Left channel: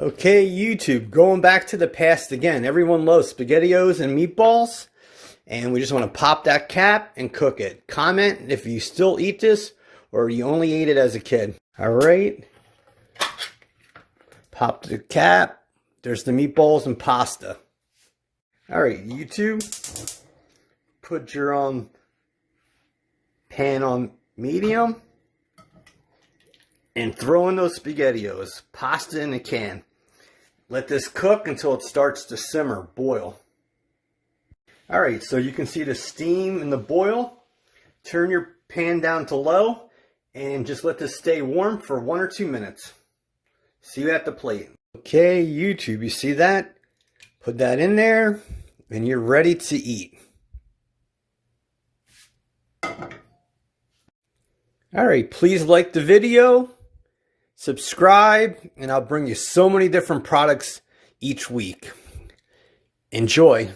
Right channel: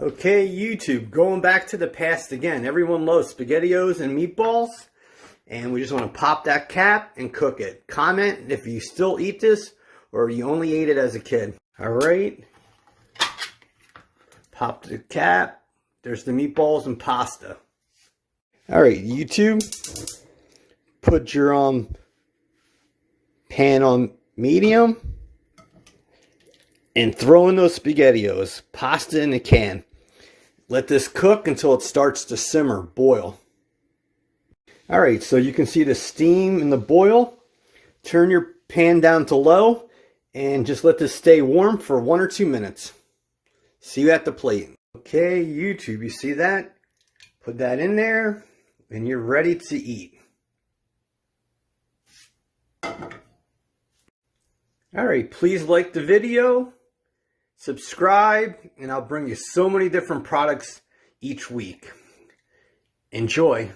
Okay, YouTube, going back to the past again. Everyone loves SpaghettiOs and meatballs, and we just want to pop that cap and cook it. Comment if you still eat this or you only ate it as a kid. All right, pop the cap. There's the meatballs and pasta. All right, YouTube, put your pan on medium and throw in those SpaghettiOs, pasta in a can. Let this cook until it starts to simmer, boil. All right, so you can see the steam and the boil. Turn your pan down to low and just let this stay warm for 1 or 2 minutes. See you at the plate. Okay, YouTube, you see that? Put that in there and you're ready to eat. All right, please like the video, subscribe, and I'll bring you so many different products each week. Enjoy.